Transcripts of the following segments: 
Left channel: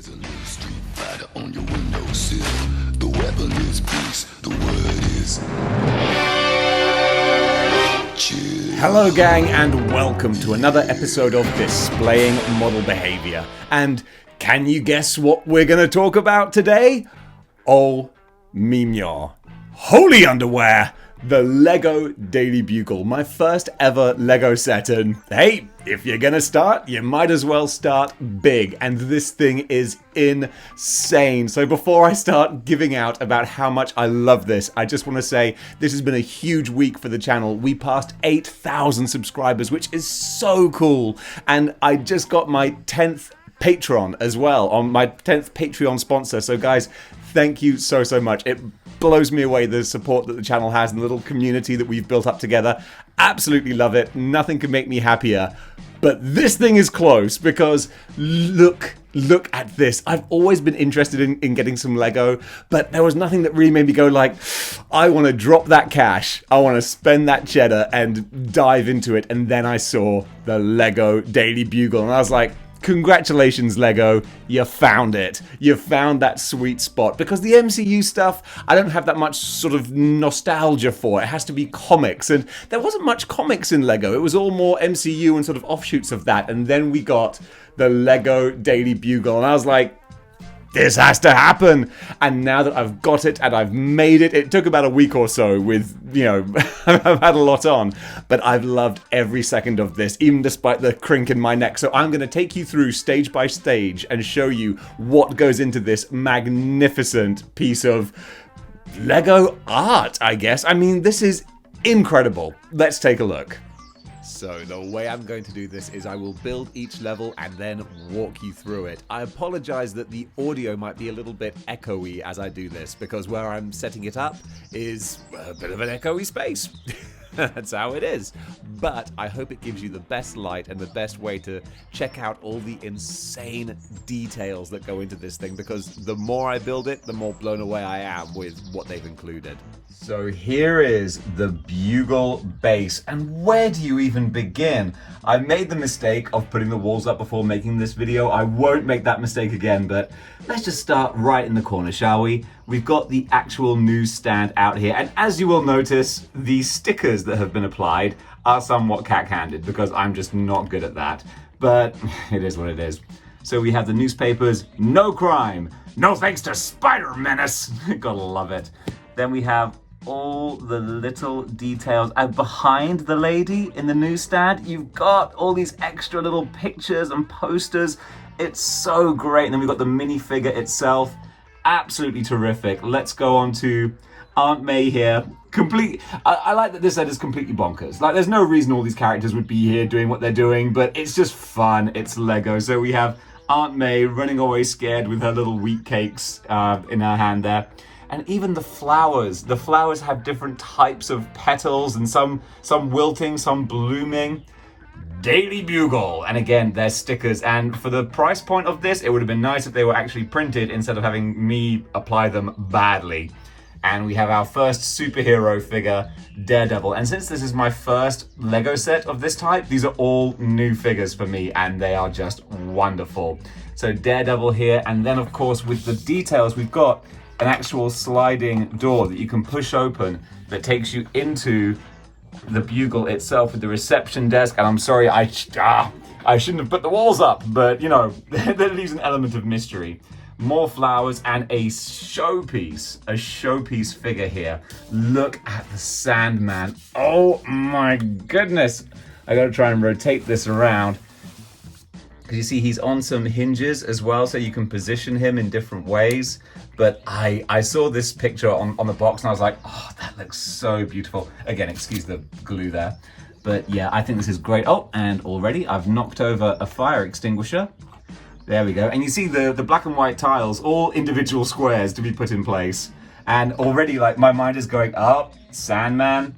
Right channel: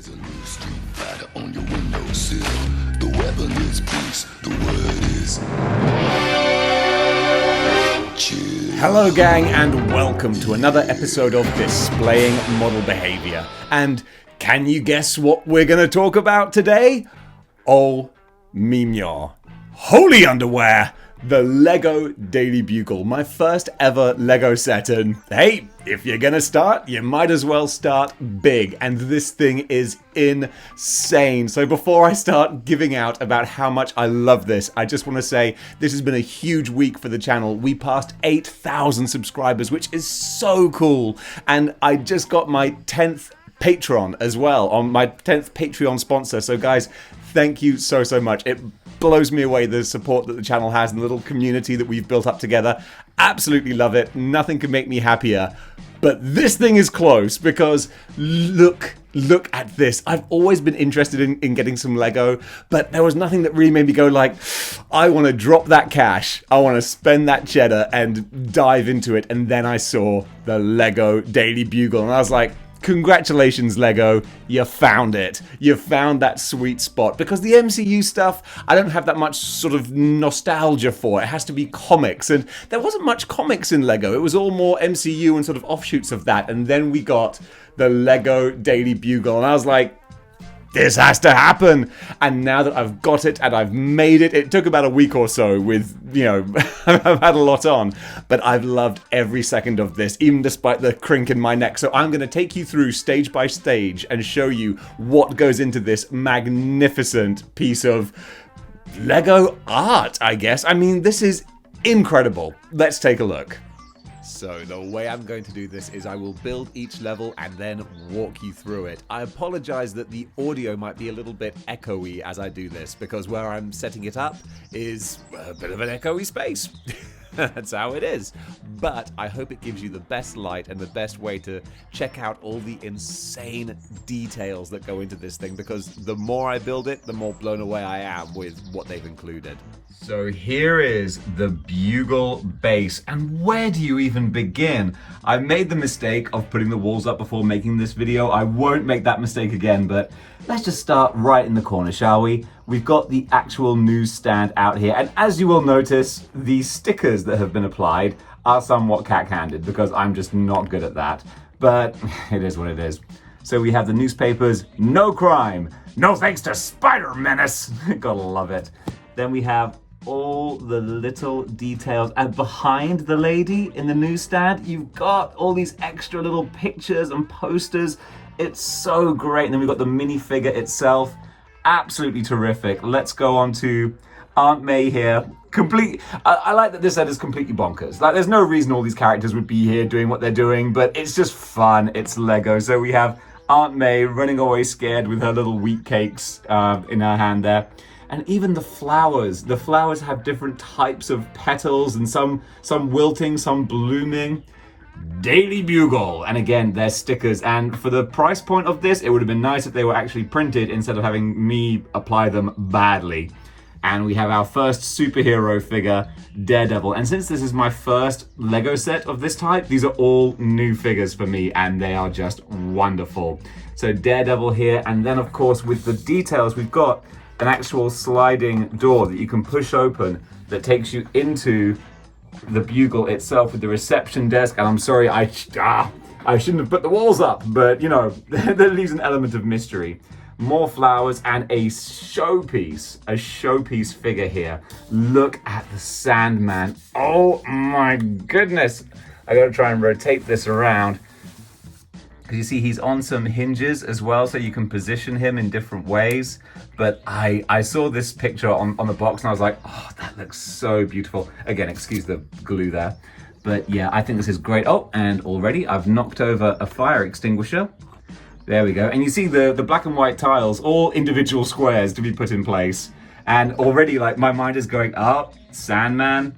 There's a new street fighter on your windowsill. The weapon is peace. The word is chill. Hello gang, and welcome to another episode of Displaying Model Behaviour. And can you guess what we're going to talk about today? Oh, mignon. Holy underwear! The Lego Daily Bugle, my first ever Lego set, and hey, if you're gonna start, you might as well start big, and this thing is insane. So before I start giving out about how much I love this, I just want to say this has been a huge week for the channel. We passed 8,000 subscribers, which is so cool, and I just got my 10th Patreon as well, on my 10th Patreon sponsor. So guys, thank you so much. It blows me away the support that the channel has and the little community that we've built up together. Absolutely love it. Nothing could make me happier. But this thing is close because look at this. I've always been interested in getting some Lego, but there was nothing that really made me go like, I want to drop that cash. I want to spend that cheddar and dive into it. And then I saw the Lego Daily Bugle and I was like, congratulations, Lego, you found it. You found that sweet spot. Because the MCU stuff, I don't have that much sort of nostalgia for. It has to be comics. And there wasn't much comics in Lego. It was all more MCU and sort of offshoots of that. And then we got the Lego Daily Bugle. And I was like, this has to happen. And now that I've got it and I've made it, it took about a week or so with, I've had a lot on, but I've loved every second of this, even despite the crink in my neck. So I'm going to take you through stage by stage and show you what goes into this magnificent piece of Lego art, I guess. I mean, this is incredible. Let's take a look. So the way I'm going to do this is I will build each level and then walk you through it. I apologize that the audio might be a little bit echoey as I do this, because where I'm setting it up is a bit of an echoey space. That's how it is. But I hope it gives you the best light and the best way to check out all the insane details that go into this thing, because the more I build it, the more blown away I am with what they've included. So here is the Bugle base, and where do you even begin? I made the mistake of putting the walls up before making this video. I won't make that mistake again, but let's just start right in the corner, shall we? We've got the actual newsstand out here, and as you will notice, the stickers that have been applied are somewhat cack-handed because I'm just not good at that, but it is what it is. So we have the newspapers, no crime, no thanks to Spider Menace. Gotta love it. Then we have all the little details, and behind the lady in the newsstand you've got all these extra little pictures and posters. It's so great. And then we've got the minifigure itself, absolutely terrific. Let's go on to Aunt May here. I like that this set is completely bonkers. Like, there's no reason all these characters would be here doing what they're doing, but it's just fun. It's Lego. So we have Aunt May running away scared with her little wheat cakes in her hand there. And even the flowers have different types of petals, and some wilting, some blooming. Daily Bugle, and again, they're stickers. And for the price point of this, it would have been nice if they were actually printed instead of having me apply them badly. And we have our first superhero figure, Daredevil. And since this is my first Lego set of this type, these are all new figures for me, and they are just wonderful. So Daredevil here, and then of course with the details, we've got an actual sliding door that you can push open that takes you into the Bugle itself with the reception desk. And I'm sorry, I shouldn't have put the walls up, but that leaves an element of mystery. More flowers and a showpiece figure here. Look at the Sandman. Oh my goodness. I gotta try and rotate this around, because you see he's on some hinges as well, so you can position him in different ways. But I saw this picture on the box and I was like, oh, that looks so beautiful. Again, excuse the glue there. But yeah, I think this is great. Oh, and already I've knocked over a fire extinguisher. There we go. And you see the black and white tiles, all individual squares to be put in place. And already, like, my mind is going, oh, Sandman,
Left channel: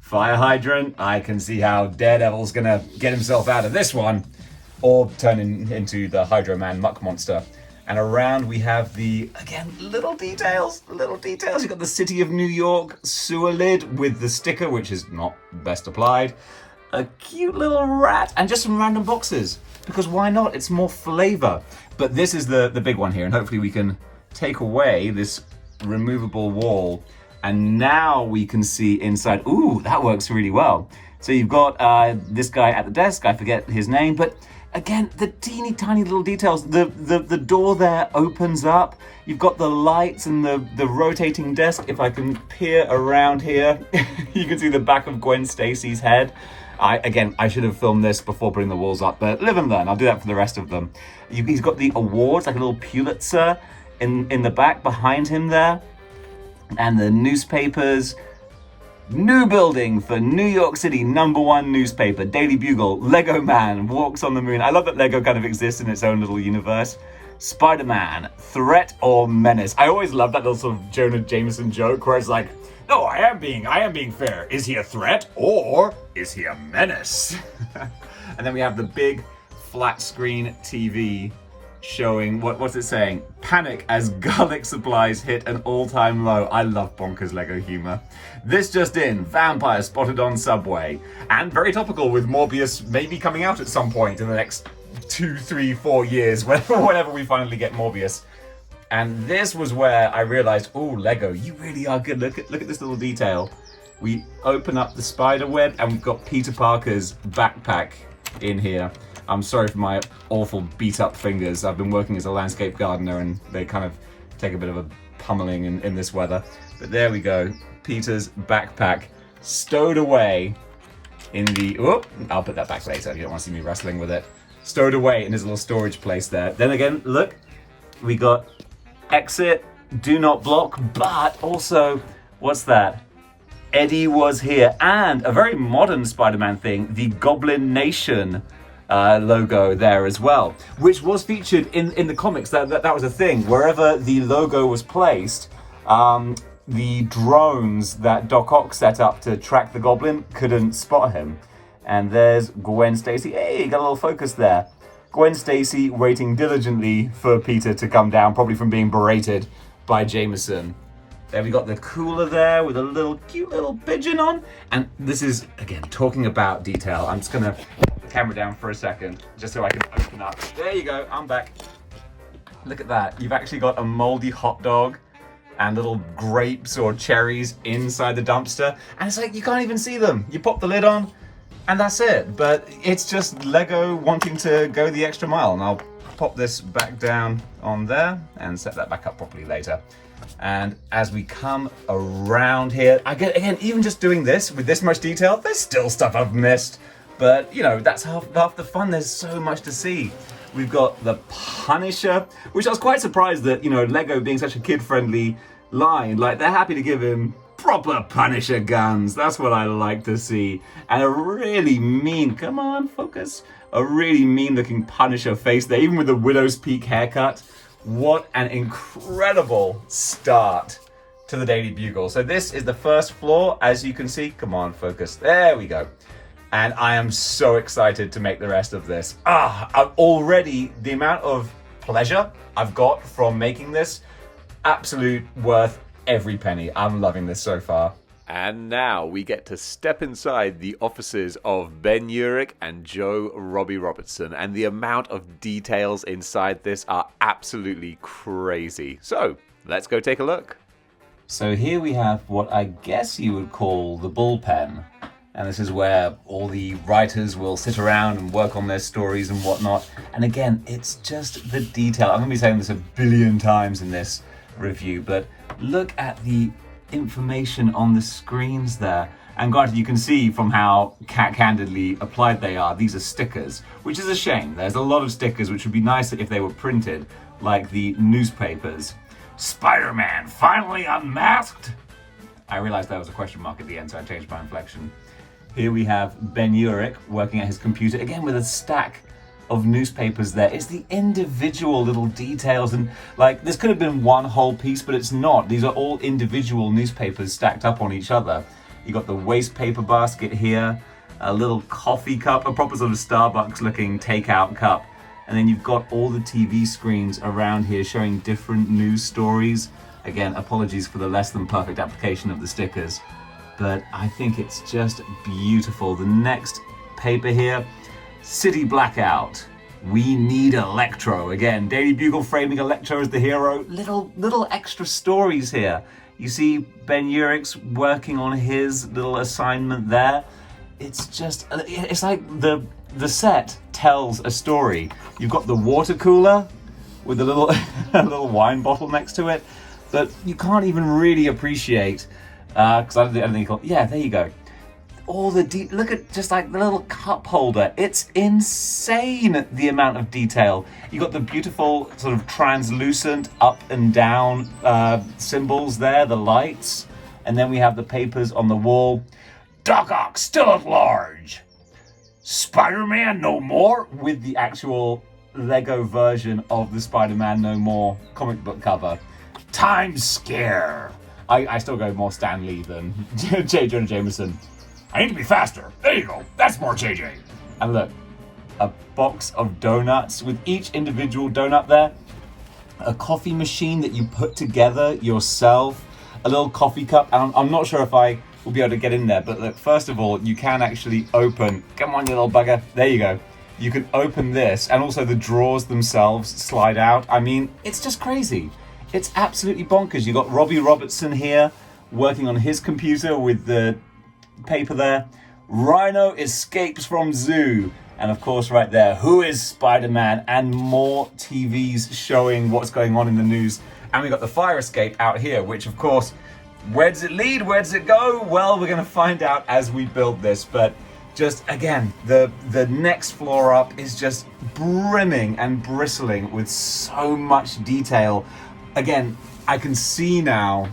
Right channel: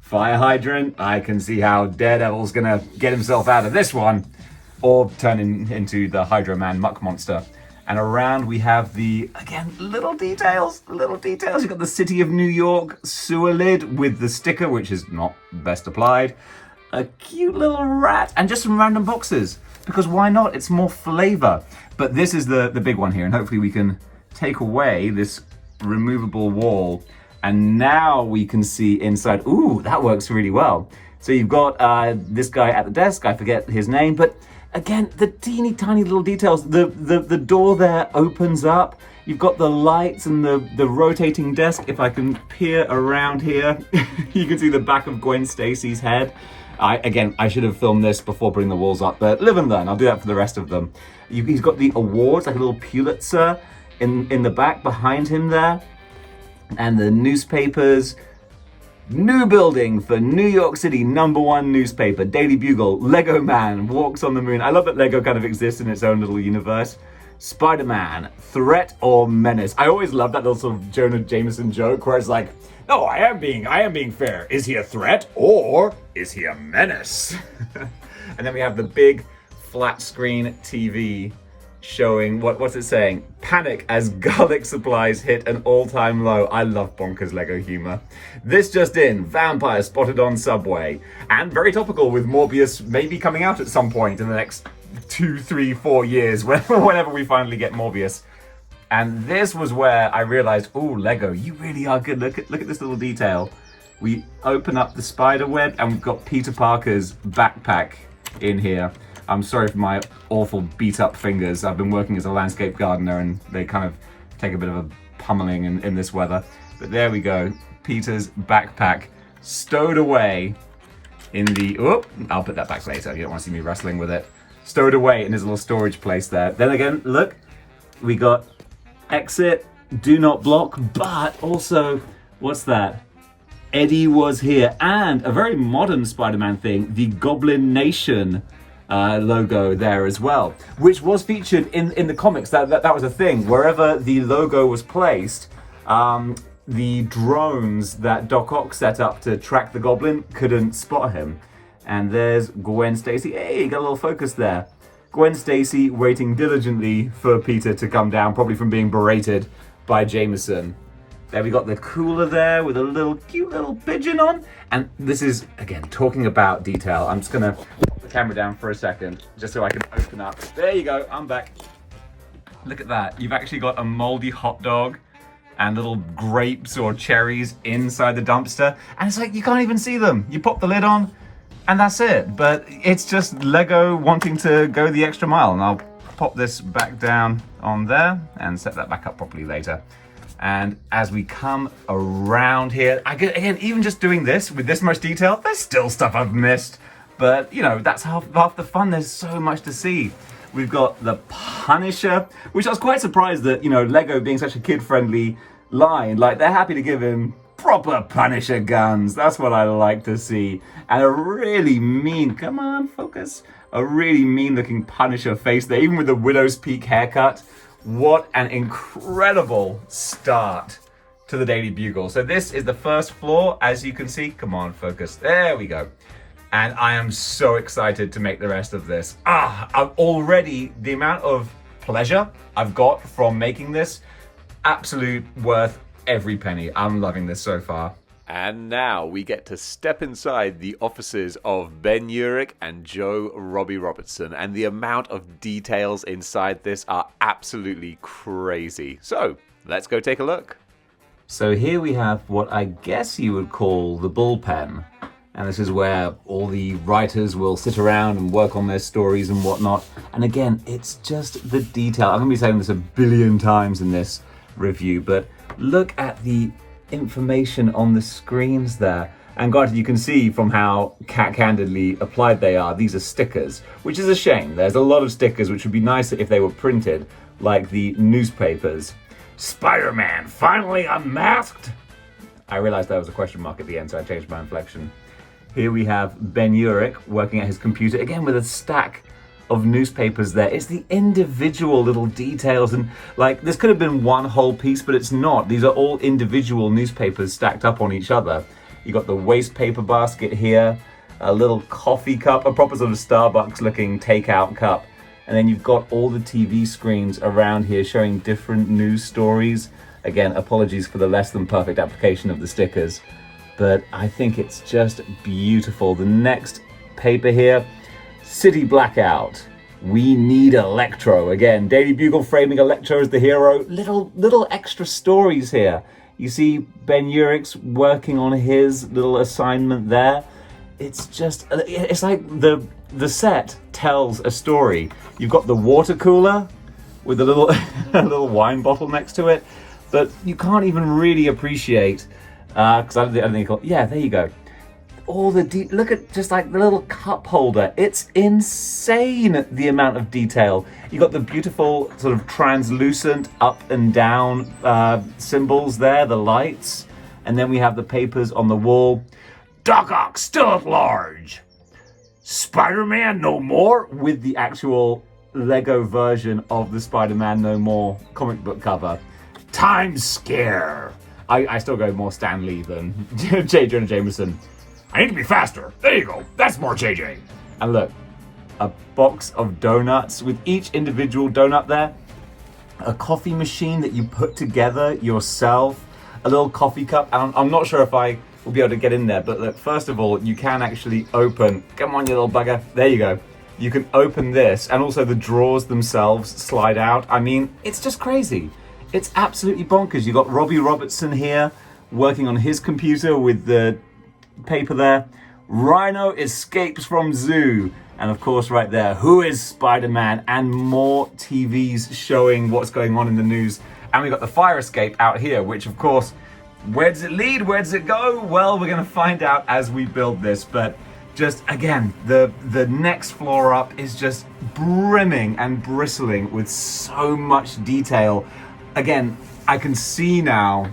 fire hydrant. I can see how Daredevil's gonna get himself out of this one, or turn into the Hydro Man muck monster. And around we have again, little details. You've got the City of New York sewer lid with the sticker, which is not best applied. A cute little rat, and just some random boxes. because why not? It's more flavor. But this is the big one here, and hopefully we can take away this removable wall, and now we can see inside. Ooh, that works really well. So you've got this guy at the desk, I forget his name, but again, the teeny tiny little details. The door there opens up. You've got the lights and the rotating desk. If I can peer around here, you can see the back of Gwen Stacy's head. I should have filmed this before putting the walls up, but live and learn. I'll do that for the rest of them. He's got the awards, like a little Pulitzer in the back behind him there. And the newspapers. New building for New York City, #1 newspaper, Daily Bugle. Lego Man walks on the moon. I love that Lego kind of exists in its own little universe. Spider-Man, threat or menace? I always love that little sort of Jonah Jameson joke where it's like, no, I am being fair. Is he a threat or is he a menace? And then we have the big flat screen TV showing, what's it saying? Panic as garlic supplies hit an all-time low. I love bonkers Lego humor. This just in, vampire spotted on subway. And very topical with Morbius maybe coming out at some point in the next 2, 3, 4 years, whenever we finally get Morbius. And this was where I realized, oh, Lego, you really are good. Look at this little detail. We open up the spider web and we've got Peter Parker's backpack in here. I'm sorry for my awful beat up fingers. I've been working as a landscape gardener and they kind of take a bit of a pummeling in this weather. But there we go. Peter's backpack stowed away in the, oh, I'll put that back later. You don't want to see me wrestling with it. Stowed away in his little storage place there. Then again, look, we got exit, do not block, but also, what's that? Eddie was here. And a very modern Spider-Man thing, the Goblin Nation logo there as well, which was featured in the comics. That was a thing. Wherever the logo was placed, the drones that Doc Ock set up to track the Goblin couldn't spot him. And there's Gwen Stacy. Hey, got a little focus there. Gwen Stacy waiting diligently for Peter to come down, probably from being berated by Jameson. There we got the cooler there with a cute little pigeon on. And this is, again, talking about detail. I'm just gonna put the camera down for a second, just so I can open up. There you go, I'm back. Look at that. You've actually got a moldy hot dog and little grapes or cherries inside the dumpster. And it's like, you can't even see them. You pop the lid on and that's it. But it's just Lego wanting to go the extra mile. And I'll pop this back down on there and set that back up properly later. And as we come around here, again, even just doing this with this much detail, there's still stuff I've missed. But, you know, that's half the fun. There's so much to see. We've got the Punisher, which I was quite surprised that, you know, Lego being such a kid-friendly line, like, they're happy to give him proper Punisher guns. That's what I like to see. And a really mean, come on, focus, a really mean-looking Punisher face there, even with the Widow's Peak haircut. What an incredible start to the Daily Bugle. So this is the first floor, as you can see. Come on, focus. There we go. And I am so excited to make the rest of this. Already, the amount of pleasure I've got from making this, absolute worth every penny. I'm loving this so far. And now we get to step inside the offices of Ben Urich and Joe Robbie Robertson, and the amount of details inside this are absolutely crazy. So let's go take a look. So here we have what I guess you would call the bullpen. And this is where all the writers will sit around and work on their stories and whatnot. And again, it's just the detail. I'm going to be saying this a billion times in this review, but look at the information on the screens there. And granted, you can see from how candidly applied they are. These are stickers, which is a shame. There's a lot of stickers which would be nicer if they were printed, like the newspapers. Spider-Man finally unmasked! I realized there was a question mark at the end, so I changed my inflection. Here we have Ben Urich working at his computer, again with a stack of newspapers there. It's the individual little details, and like this could have been one whole piece, but it's not. These are all individual newspapers stacked up on each other. You got the waste paper basket here, a little coffee cup, a proper sort of Starbucks looking takeout cup, and then you've got all the TV screens around here showing different news stories. Again, apologies for the less than perfect application of the stickers, but I think it's just beautiful. The next paper here, City Blackout. We need Electro. Again, Daily Bugle framing Electro as the hero. Little extra stories here. You see Ben Urich's working on his little assignment there. It's like the set tells a story. You've got the water cooler with a little wine bottle next to it that you can't even really appreciate because I don't think. Yeah, there you go. All the look at just like the little cup holder. It's insane the amount of detail. You got the beautiful sort of translucent up and down symbols there, the lights, and then we have the papers on the wall. Doc Ock still at large. Spider-Man no more, with the actual Lego version of the Spider-Man no more comic book cover. Time scare. I still go more Stan Lee than J. Jonah Jameson. I need to be faster. There you go. That's more JJ. And look, a box of donuts with each individual donut there. A coffee machine that you put together yourself. A little coffee cup. And I'm not sure if I will be able to get in there. But look, first of all, you can actually open. Come on, you little bugger. There you go. You can open this. And also the drawers themselves slide out. I mean, it's just crazy. It's absolutely bonkers. You got Robbie Robertson here working on his computer with the paper there. Rhino escapes from zoo, and of course right there, who is Spider-Man, and more TVs showing what's going on in the news. And we got the fire escape out here, which of course, where does it lead? Where does it go? Well, we're going to find out as we build this. But just again, the next floor up is just brimming and bristling with so much detail. Again, I can see now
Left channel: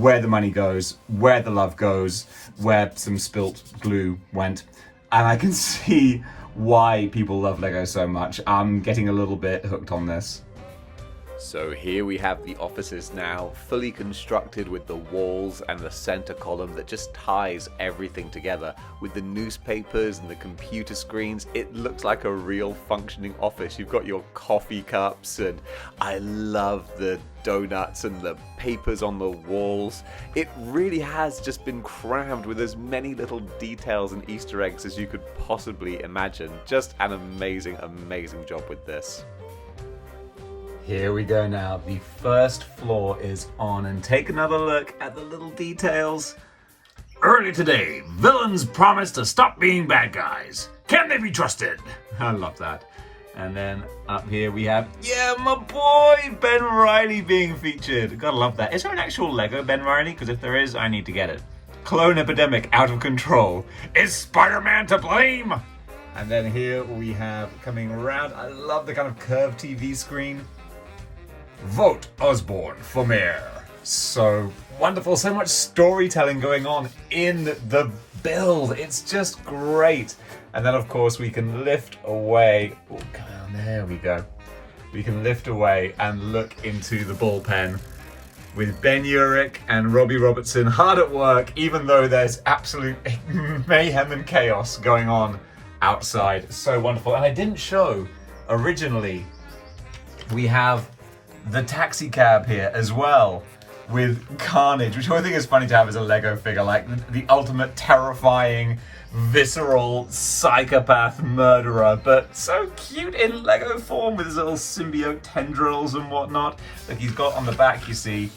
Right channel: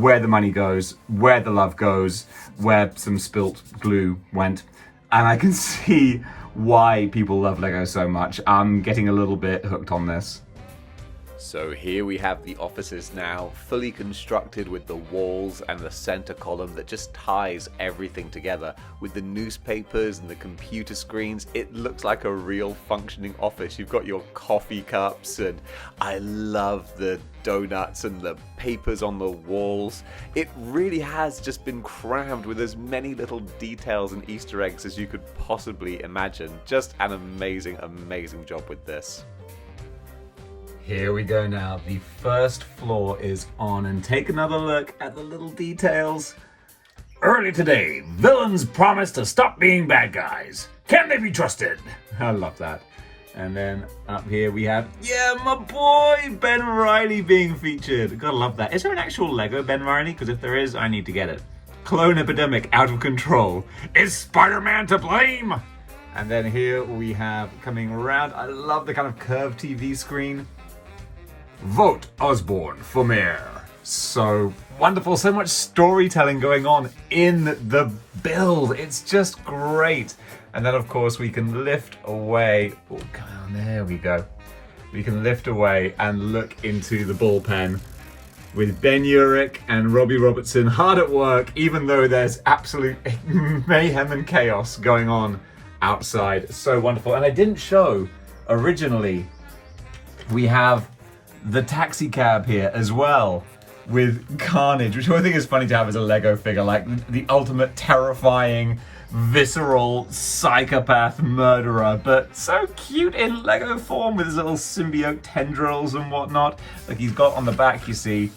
where the money goes, where the love goes, where some spilt glue went. And I can see why people love Lego so much. I'm getting a little bit hooked on this. So here we have the offices now, fully constructed with the walls and the center column that just ties everything together. With the newspapers and the computer screens, it looks like a real functioning office. You've got your coffee cups, and I love the donuts and the papers on the walls. It really has just been crammed with as many little details and Easter eggs as you could possibly imagine. Just an amazing, amazing job with this. Here we go now. The first floor is on, and take another look at the little details. Early today, villains promise to stop being bad guys. Can they be trusted? I love that. And then up here we have, yeah, my boy, Ben Reilly being featured. Gotta love that. Is there an actual Lego Ben Reilly? Because if there is, I need to get it. Clone epidemic out of control. Is Spider-Man to blame? And then here we have, coming around, I love the kind of curved TV screen. Vote Osborn for mayor. So wonderful, so much storytelling going on in the build. It's just great. And then of course we can lift away. Oh, come on, there we go. We can lift away and look into the bullpen with Ben Urich and Robbie Robertson hard at work, even though there's absolute mayhem and chaos going on outside. So wonderful. And I didn't show originally, we have the taxi cab here as well with Carnage, which I think is funny to have as a Lego figure, like the ultimate terrifying, visceral psychopath murderer, but so cute in Lego form with his little symbiote tendrils and whatnot. Like he's got on the back, you see,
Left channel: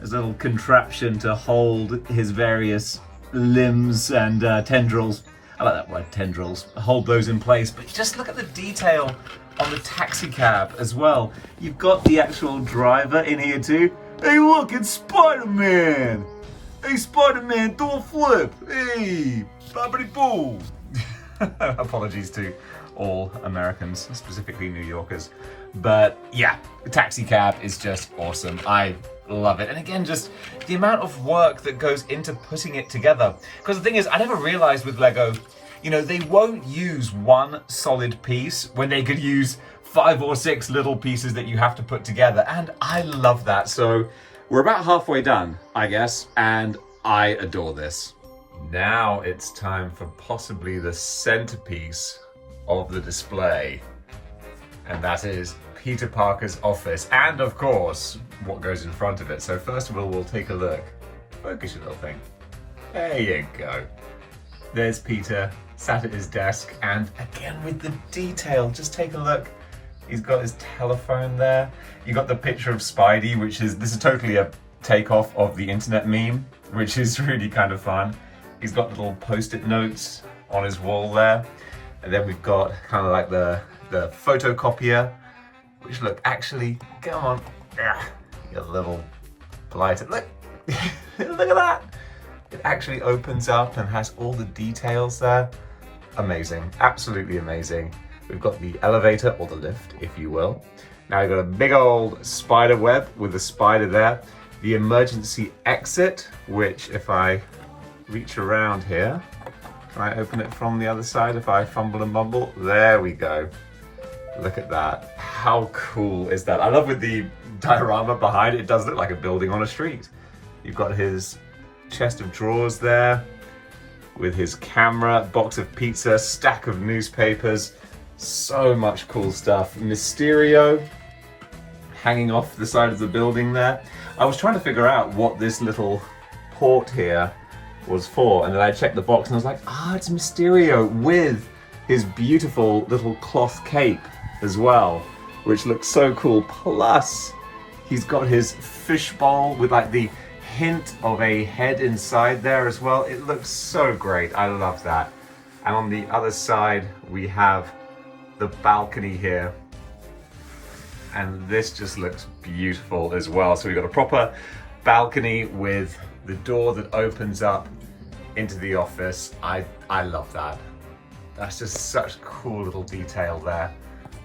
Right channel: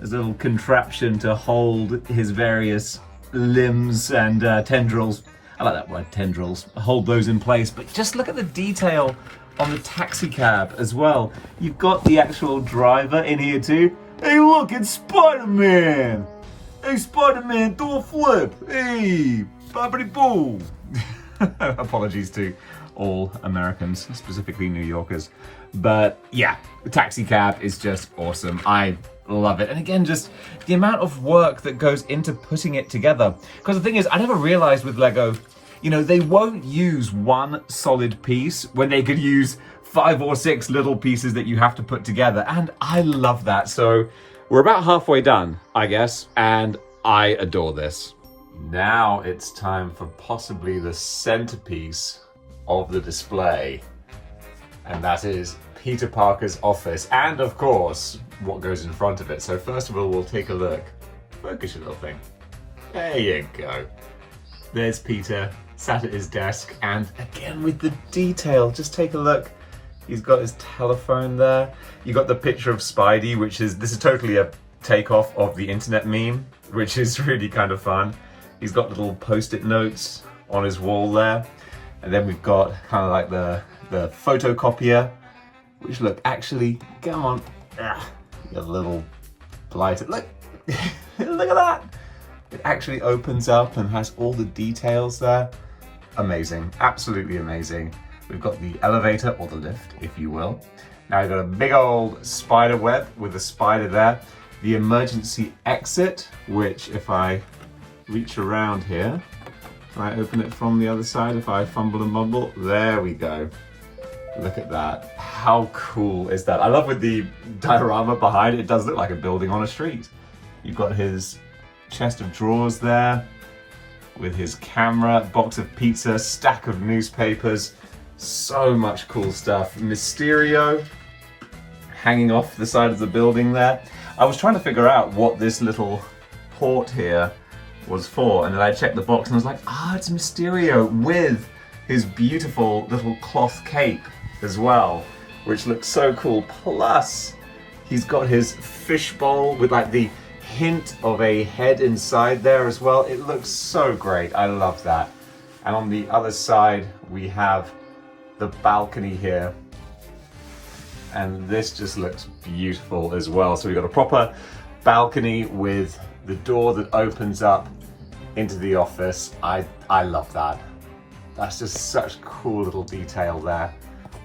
this little contraption to hold his various limbs and tendrils. I like that word, tendrils. Hold those in place, but just look at the detail on the taxi cab as well. You've got the actual driver in here too. Hey look, it's Spider-Man! Hey Spider-Man, do a flip! Hey, bobbity boo! Apologies to all Americans, specifically New Yorkers. But yeah, the taxi cab is just awesome. I love it. And again, just the amount of work that goes into putting it together. Because the thing is, I never realized with Lego, you know, they won't use one solid piece when they could use 5 or 6 little pieces that you have to put together. And I love that. So we're about halfway done, I guess, and I adore this. Now it's time for possibly the centerpiece of the display. And that is Peter Parker's office. And of course, what goes in front of it. So first of all, we'll take a look. Focus your little thing. There you go. There's Peter sat at his desk, and again with the detail, just take a look. He's got his telephone there. You got the picture of Spidey, this is totally a takeoff of the internet meme, which is really kind of fun. He's got little post-it notes on his wall there. And then we've got kind of like the photocopier, which look, actually, come on, you little blighter, look, look at that. It actually opens up and has all the details there. Amazing, absolutely amazing. We've got the elevator, or the lift, if you will. Now you've got a big old spider web with a spider there. The emergency exit, which if I reach around here, can I open it from the other side if I fumble and mumble? There we go. Look at that. How cool is that? I love with the diorama behind it, it does look like a building on a street. You've got his chest of drawers there with his camera, box of pizza, stack of newspapers. So much cool stuff. Mysterio hanging off the side of the building there. I was trying to figure out what this little port here was for, and then I checked the box and I was like, it's Mysterio with his beautiful little cloth cape as well, which looks so cool. Plus, he's got his fishbowl with like the hint of a head inside there as well. It looks so great. I love that. And on the other side, we have the balcony here, and this just looks beautiful as well. So we've got a proper balcony with the door that opens up into the office. I love that. That's just such cool little detail there.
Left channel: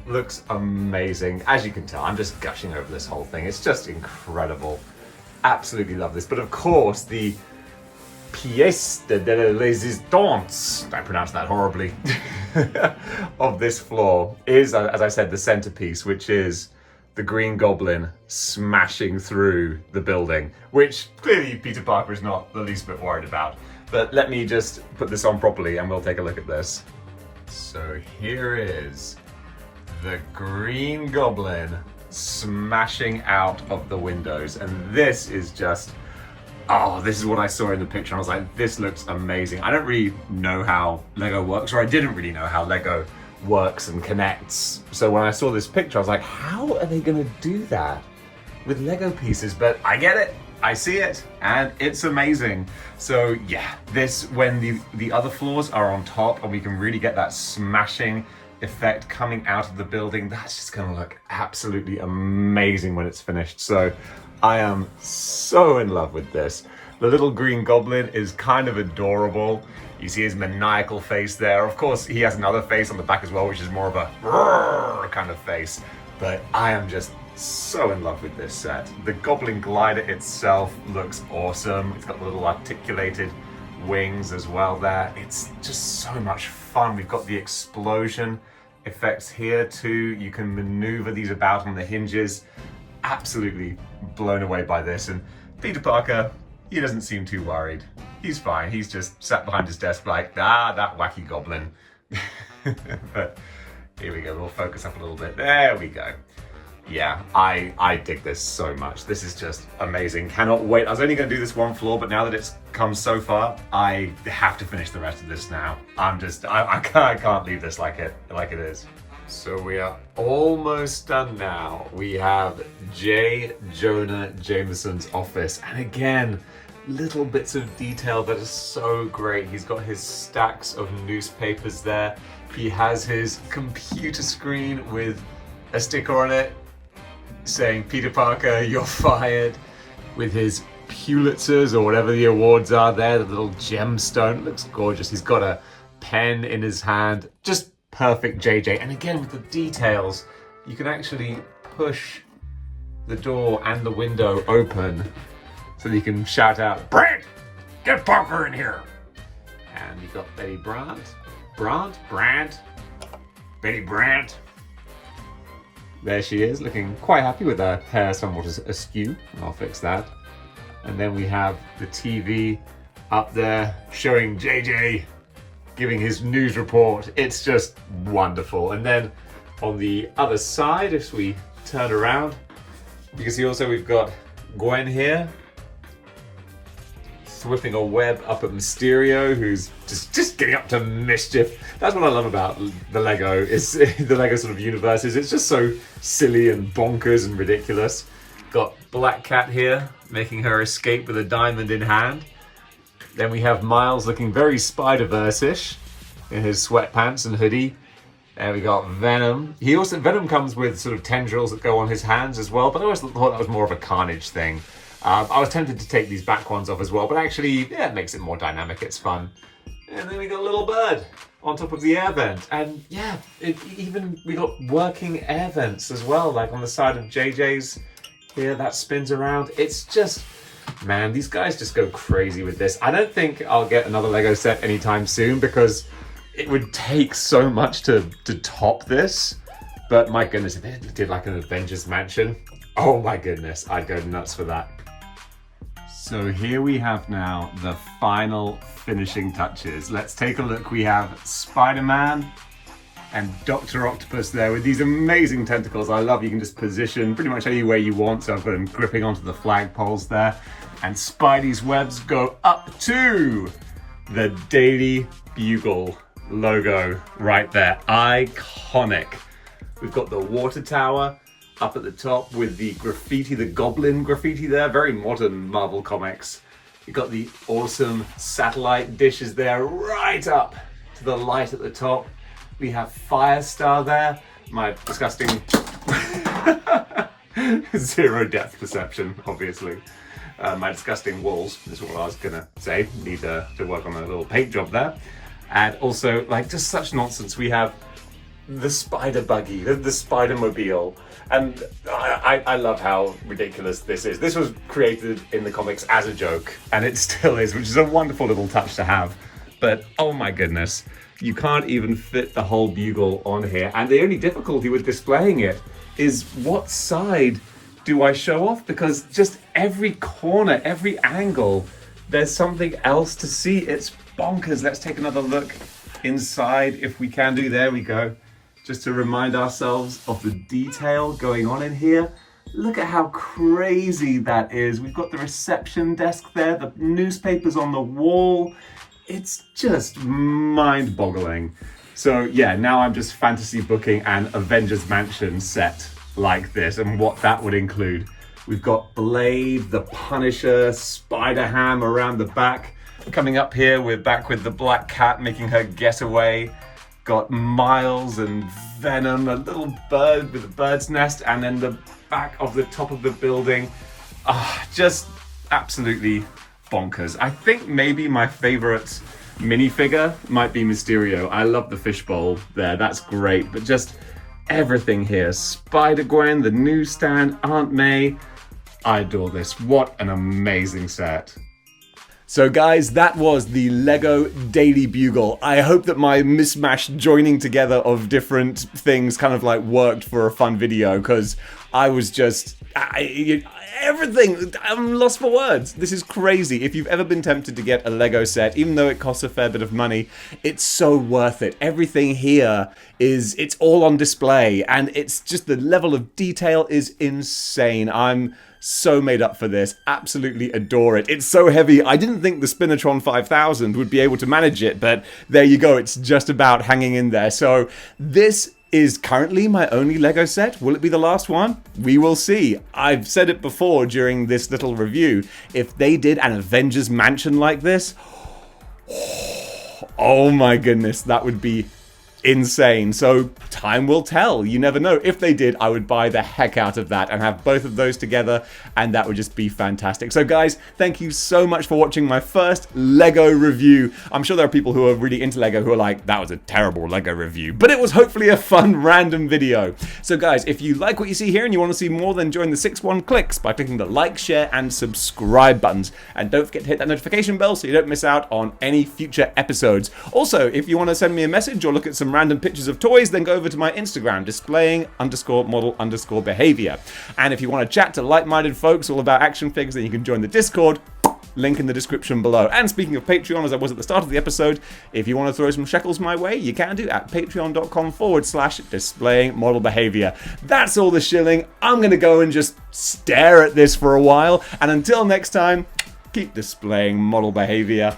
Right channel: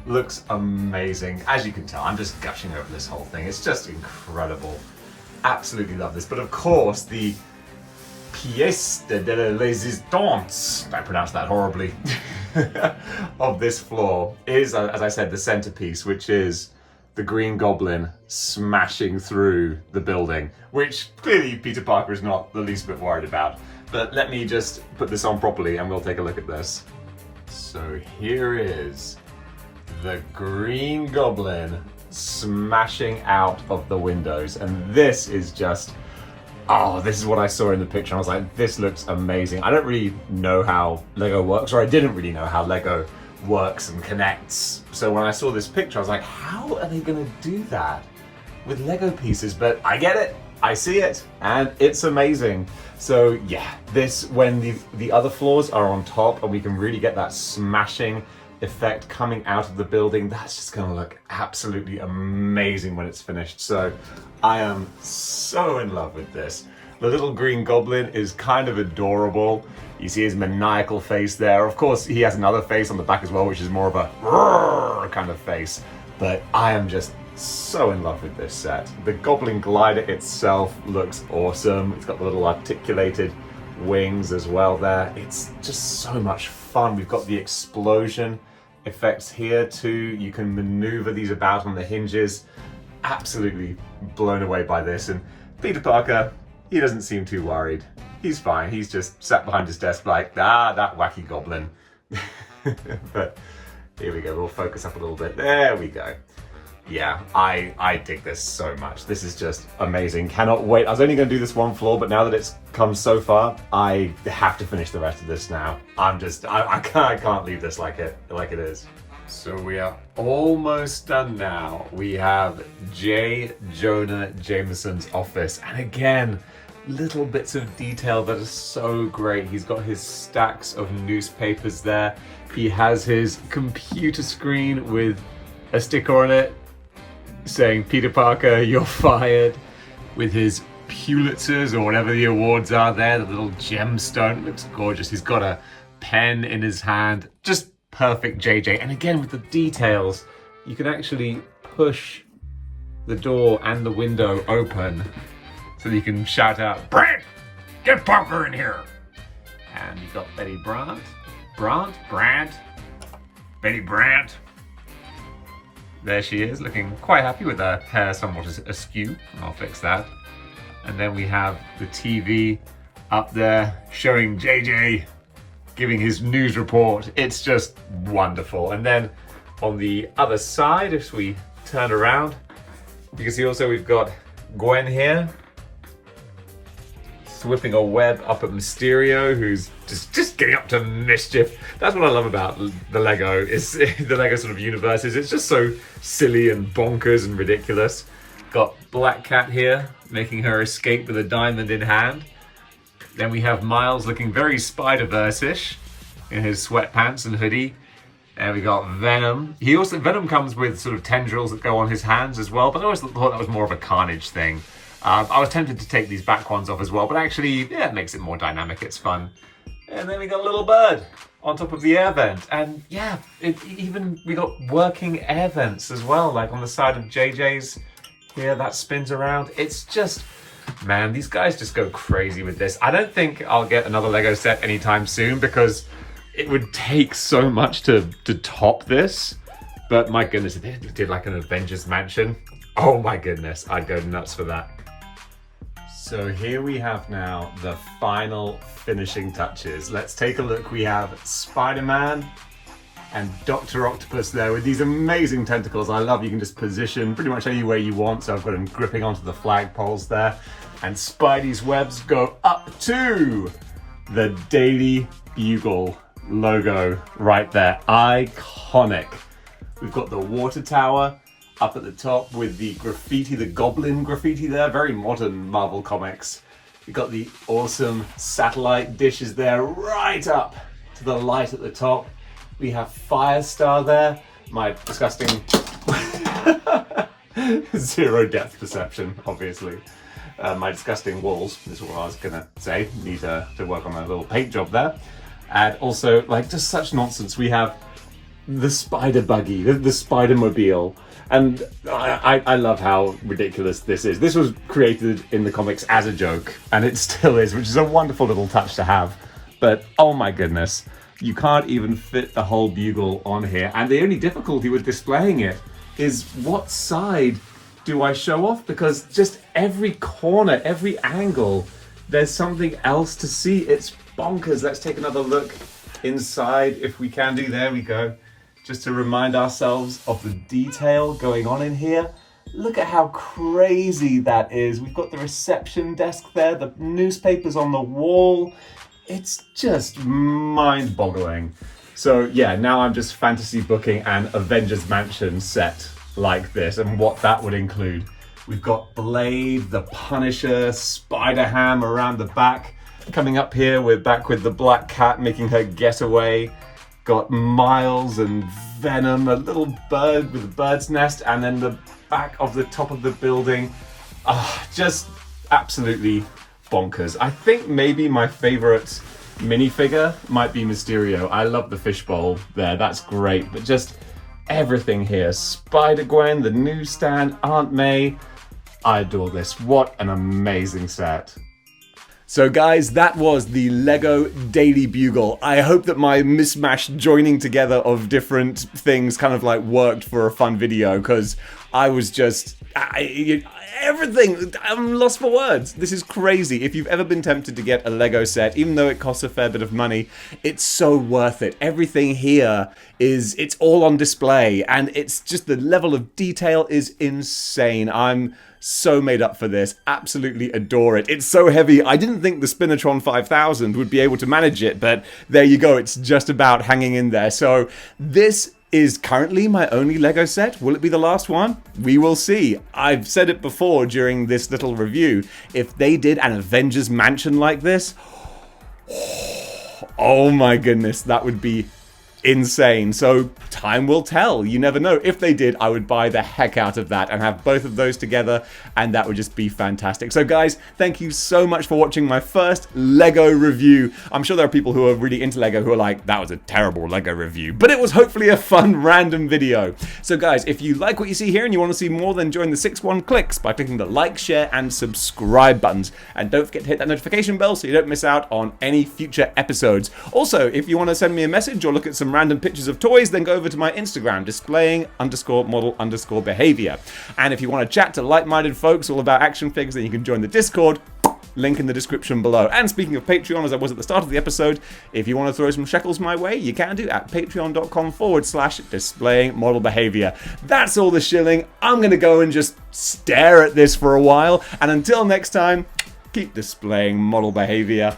Looks amazing. As you can tell, I'm just gushing over this whole thing. It's just incredible. Absolutely love this. But of course, the pièce de la résistance, I pronounced that horribly, of this floor is, as I said, the centerpiece, which is the Green Goblin smashing through the building, which clearly Peter Parker is not the least bit worried about. But let me just put this on properly and we'll take a look at this. So here is the Green Goblin smashing out of the windows, and this is just, this is what I saw in the picture. I was like, this looks amazing. I don't really know how Lego works, or I didn't really know how Lego works and connects. So when I saw this picture, I was like, how are they gonna do that with Lego pieces? But I get it, I see it, and it's amazing. So yeah, this, when the other floors are on top and we can really get that smashing effect coming out of the building, that's just gonna look absolutely amazing when it's finished. So I am so in love with this. The little Green Goblin is kind of adorable. You see his maniacal face there. Of course, he has another face on the back as well, which is more of a kind of face. But I am just so in love with this set. The Goblin glider itself looks awesome. It's got the little articulated wings as well there. It's just so much fun. We've got the explosion effects here too. You can maneuver these about on the hinges. Absolutely blown away by this. And Peter Parker, he doesn't seem too worried. He's fine. He's just sat behind his desk like, that wacky goblin. But here we go. We'll focus up a little bit. There we go. Yeah, I dig this so much. This is just amazing. Cannot wait. I was only going to do this one floor, but now that it's come so far, I have to finish the rest of this now. I can't leave this like it is. So we are almost done now. We have J. Jonah Jameson's office, and again, little bits of detail that are so great. He's got his stacks of newspapers there. He has his computer screen with a sticker on it saying, Peter Parker, you're fired, with his Pulitzers or whatever the awards are there. The little gemstone looks gorgeous. He's got a pen in his hand. Just perfect JJ. And again, with the details, you can actually push the door and the window open so that you can shout out, Brent, get Parker in here. And you've got Betty Betty Brandt. There she is, looking quite happy with her hair somewhat askew. I'll fix that. And then we have the TV up there showing JJ giving his news report. It's just wonderful. And then on the other side, if we turn around, you can see also we've got Gwen here whipping a web up at Mysterio, who's just getting up to mischief. That's what I love about the Lego, is the Lego sort of universe, is it's just so silly and bonkers and ridiculous. Got Black Cat here, making her escape with a diamond in hand. Then we have Miles looking very Spider-Verse-ish in his sweatpants and hoodie. And we got Venom. Venom comes with sort of tendrils that go on his hands as well, but I always thought that was more of a Carnage thing. I was tempted to take these back ones off as well, but actually, yeah, it makes it more dynamic. It's fun. And then we got a little bird on top of the air vent. And yeah, we got working air vents as well, like on the side of JJ's here, that spins around. It's just, man, these guys just go crazy with this. I don't think I'll get another Lego set anytime soon because it would take so much to top this. But my goodness, if they did like an Avengers Mansion, oh my goodness, I'd go nuts for that. So here we have now the final finishing touches. Let's take a look. We have Spider-Man and Dr. Octopus there with these amazing tentacles. I love you can just position pretty much anywhere you want. So I've got him gripping onto the flagpoles there. And Spidey's webs go up to the Daily Bugle logo right there. Iconic. We've got the water tower up at the top with the graffiti, the goblin graffiti there. Very modern Marvel Comics. You've got the awesome satellite dishes there right up to the light at the top. We have Firestar there. My disgusting zero depth perception, obviously. My disgusting walls is what I was gonna say. Need to work on a little paint job there. And also, like, just such nonsense. We have the spider buggy, the spider mobile. And I love how ridiculous this is. This was created in the comics as a joke, and it still is, which is a wonderful little touch to have. But oh my goodness, you can't even fit the whole Bugle on here. And the only difficulty with displaying it is what side do I show off? Because just every corner, every angle, there's something else to see. It's bonkers. Let's take another look inside if we can do. There we go. Just to remind ourselves of the detail going on in here. Look at how crazy that is. We've got the reception desk there, the newspapers on the wall. It's just mind-boggling. So yeah, now I'm just fantasy booking an Avengers Mansion set like this and what that would include. We've got Blade, the Punisher, Spider-Ham around the back. Coming up here, we're back with the Black Cat making her getaway. Got Miles and Venom, a little bird with a bird's nest, and then the back of the top of the building. Just absolutely bonkers. I think maybe my favorite minifigure might be Mysterio. I love the fishbowl there, that's great, but just everything here. Spider-Gwen, the newsstand, Aunt May. I adore this. What an amazing set. So guys, that was the Lego Daily Bugle. I hope that my mismatched joining together of different things kind of like worked for a fun video, because I was just... everything! I'm lost for words. This is crazy. If you've ever been tempted to get a Lego set, even though it costs a fair bit of money, it's so worth it. Everything here it's all on display, and it's just the level of detail is insane. I'm so made up for this. Absolutely adore it. It's so heavy. I didn't think the Spinatron 5000 would be able to manage it, but there you go. It's just about hanging in there. So this is currently my only Lego set. Will it be the last one? We will see. I've said it before during this little review. If they did an Avengers Mansion like this, oh my goodness, that would be insane. So time will tell. You never know. If they did, I would buy the heck out of that and have both of those together, and that would just be fantastic. So guys, thank you so much for watching my first Lego review. I'm sure there are people who are really into Lego who are like, that was a terrible Lego review, but it was hopefully a fun random video. So guys, if you like what you see here and you want to see more, then join the 6-1 clicks by clicking the like, share and subscribe buttons, and don't forget to hit that notification bell so you don't miss out on any future episodes. Also, if you want to send me a message or look at some random pictures of toys, then go over to my Instagram, displaying_model_behavior. And if you want to chat to like-minded folks all about action figures, then you can join the Discord. Link in the description below. And speaking of Patreon, as I was at the start of the episode, if you want to throw some shekels my way, you can do at patreon.com/displayingmodelbehavior. That's all the shilling. I'm going to go and just stare at this for a while. And until next time, keep keep displaying model behavior,